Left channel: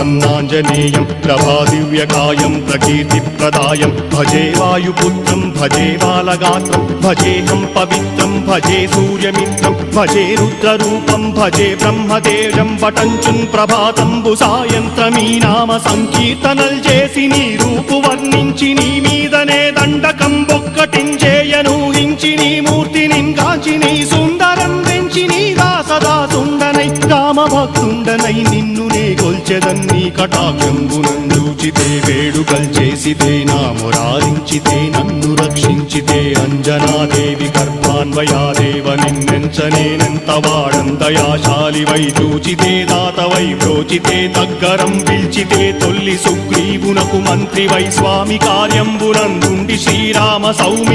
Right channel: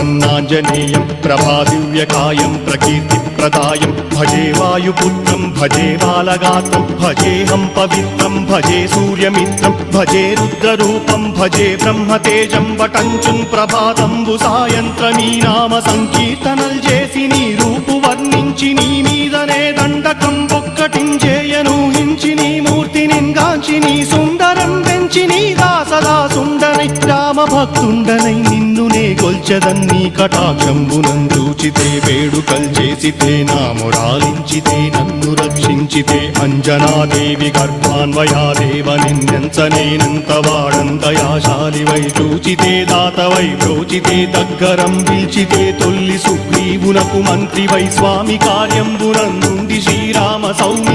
प्रसन्नाञ्जनेयं प्रभादिव्यकायं प्रकीर्तिप्रदायं भजे वायुपुत्रं भजे बालगात्रं भजेऽहं पवित्रं भजे सूर्यमित्रं भजे रुद्ररूपं भजे ब्रह्मदेवं वटञ्चुं प्रभाతంబు సాయంత్రమీ నామ సంకీర్తనల్ చేసి నీ రూపు వర్ణించి నీ మీదనే దండకం ఒక్కటించేయను హించి నీ మూర్తిని గాంచి నీ సుందరం వెంచి నీ దాసదా సుందరై రామభక్తుండనై నిన్నునే కొల్చెదన్ని కటాక్షంబునందూచితే వేడుకల్ చేసితే నా మురారించితే నన్ను రక్షించితే అంజనాదేవి కర్మాన్వయాదేవనెంచనేనంత వాడంతయాశాలివై చూచితే దాతవై ప్రోచితే దగ్గరం పిలిచితే తొల్లి సుగ్రీవునకు మంత్రివై స్వామి కార్యంబునందుండి శ్రీరామ సౌమ్య